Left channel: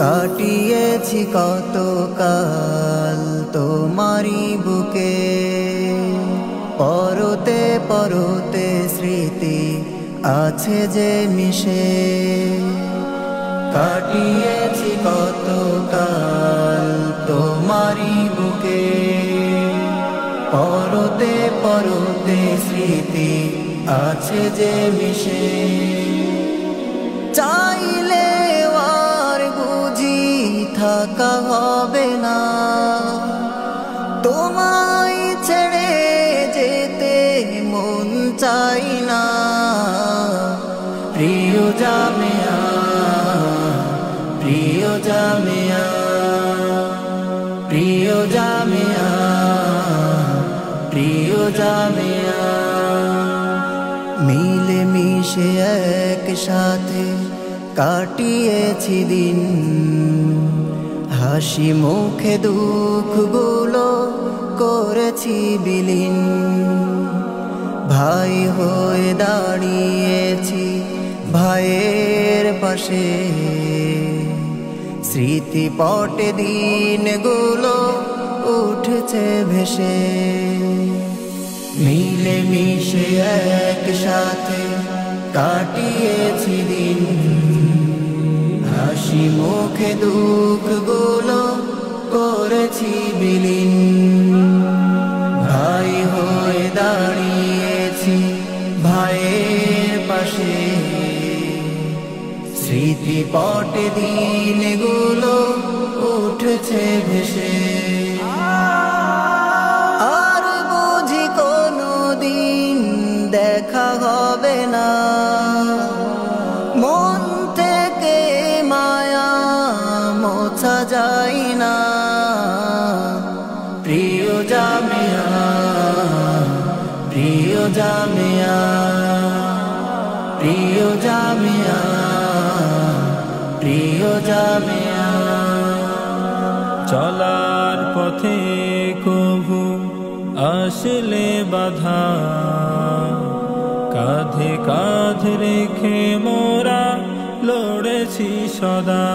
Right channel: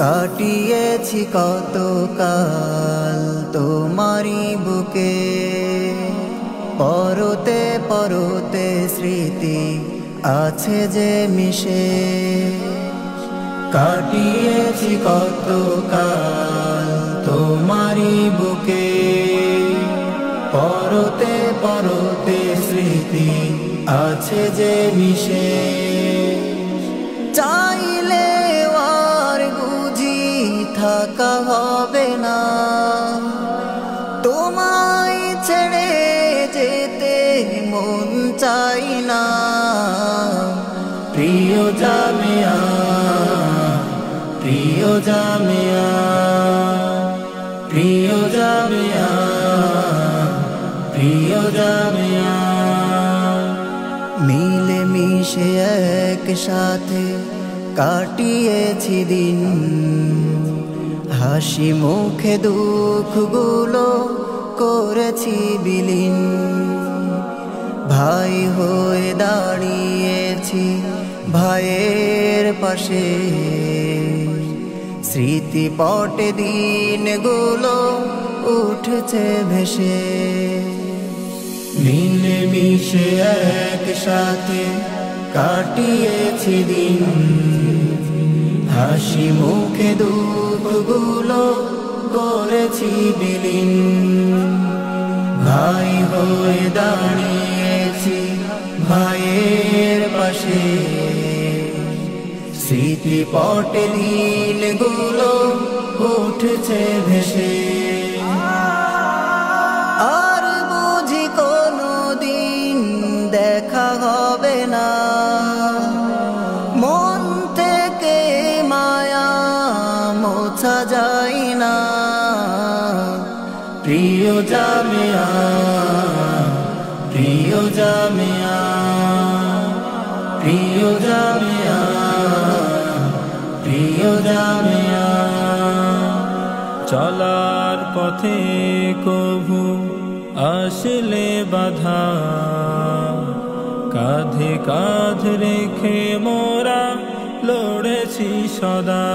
কাটিয়েছি কত কাল তোমারি বুকে, পরতে পরতে স্মৃতি আছে যে মিশে। কাটিয়েছি কত কাল তোমারি বুকে, পরতে পরতে স্মৃতি আছে যে মিশে। চাইলে আর বুঝি থাকা হবে না, তোমায় ছেড়ে যেতে মন চাই না। প্রিয় জামিয়া, প্রিয় জামিয়া, প্রিয় জামিয়া, প্রিয় জামিয়া। মিলে মিশে একসাথে কাটিয়েছি দিন, হাসি মুখে দুঃখগুলো করেছি বিলীন। ভাই হয়ে দাঁড়িয়েছি ভাইয়ের পাশে, স্মৃতিপটে দিনগুলো উঠছে ভেসে। মিলে মিশে একসাথে কাটিয়েছি দিন, হাসি মুখে দুঃখগুলো করেছি বিলীন। ভাই হয়ে দাঁড়িয়েছি ভাইয়ের পাশে, স্মৃতিপটে দিনগুলো উঠছে ভেসে। আর বুঝি কোনো দিন দেখা হবে না, মন থেকে মায়া মোছা যায় না। প্রিয় জামিয়া, প্রিয় জামিয়া, প্রিয় জামিয়া, প্রিয় জামিয়া। চলার পথে কভু আসলে বাধা, কাঁধে কাঁধ রেখে মোরা লড়েছি সদা।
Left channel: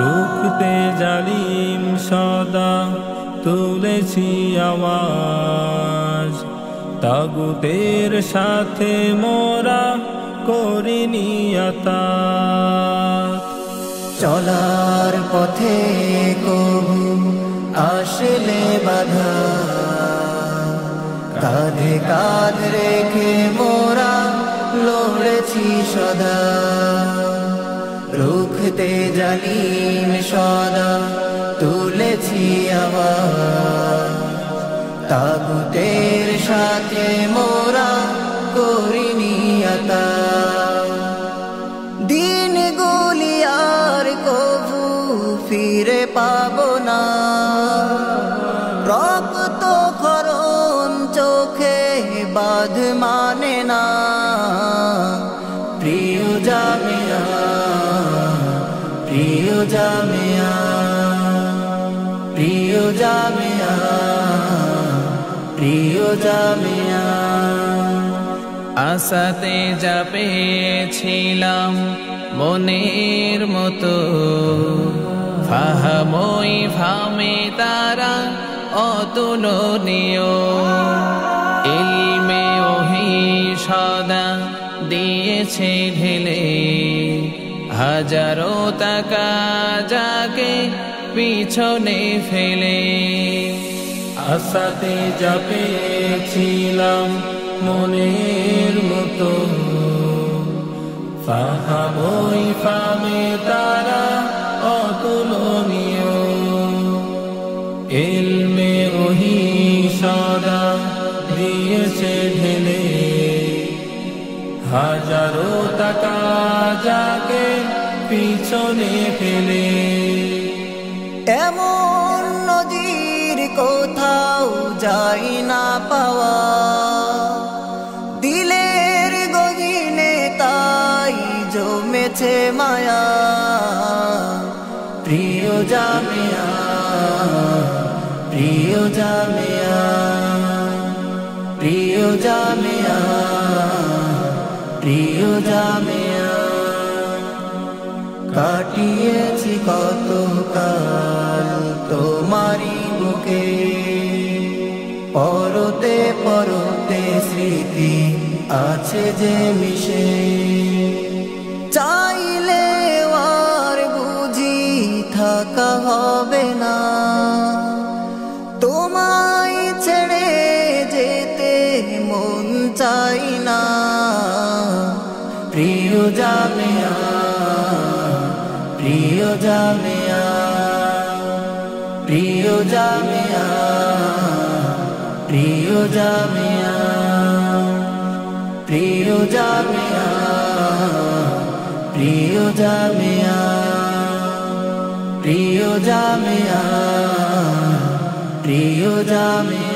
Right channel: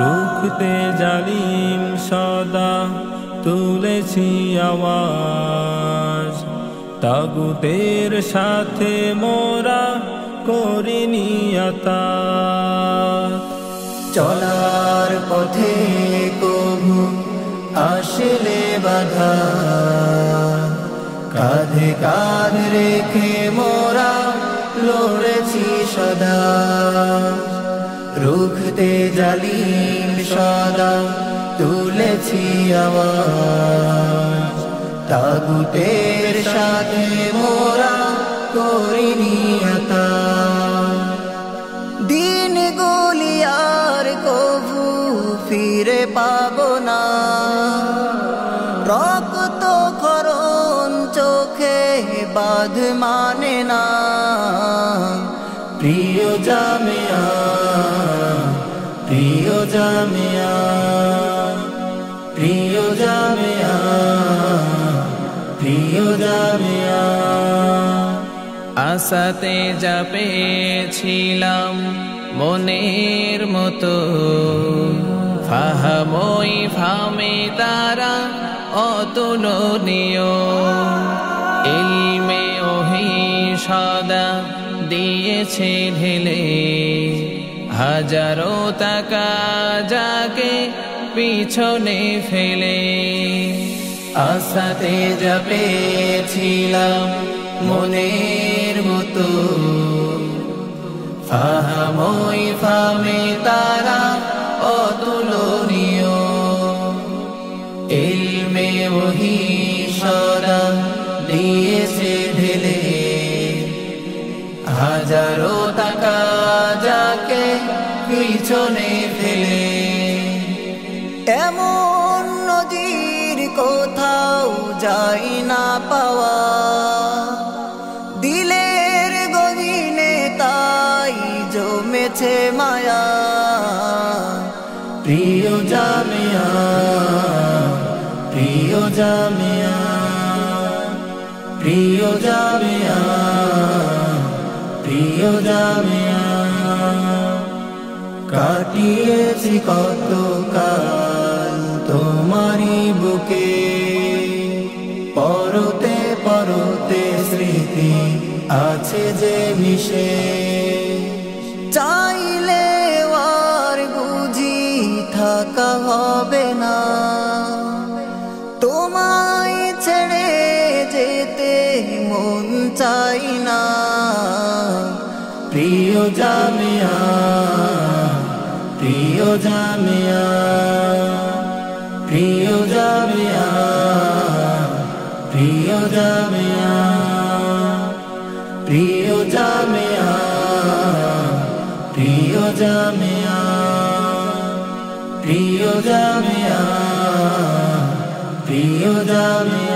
রুখতে জালিম সদা তুলেছি আওয়াজ, তাগুতের সাথে মোরা করিনি আতাত। চলার পথে কভু আসলে বাধা, কাঁধে কাঁধ রেখে মোরা লড়েছি সদা। রুখতে জালিম সদা তুলেছি আওয়াজ, তাগুতের সাথে মোরা করিনি আতাত। দিনগুলি আর কভু ফিরে পাবো না, রক্ত ক্ষরণ চোখে বাঁধ মানে না। প্রিয় জামিয়া, প্রিয় জামিয়া, প্রিয় জামিয়া, প্রিয় জামিয়া। আশাতে যা পেয়েছিলাম মনের মতো, ফাহামই ফামে তারা অতুলনীয়। ইলমে ওহি সদা দিয়েছে ঢেলে, হাজারো টাকা যাকে পিছনে ফেলে। আশাতে যা পেয়েছিলাম মনের মতো, ফাহামই ফামে তারা অতুলনীয়। ইলমে ওহি সদা দিয়েছে ঢেলে, হাজারো টাকা যাকে পিছনে ফেলে। এমন নজির কোথাও যাই না পাওয়া, দিলের গহীনে তাই জমেছে মায়া। প্রিয় জামিয়া, প্রিয় জামিয়া, প্রিয় জামিয়া প্রিয় জামিয়া কাটিয়েছি কত কাল তোমারি বুকে পরতে পরতে স্মৃতি আছে যে মিশে চাইলে আর বুঝি থাকা হবে না তোমায় ছেড়ে যেতে মন চাই না প্রিয় জামিয়া প্রিয় জামিয়া প্রিয় জামিয়া প্রিয় জামিয়া প্রিয় জামিয়া প্রিয় জামিয়া প্রিয় জামিয়া প্রিয় জামিয়া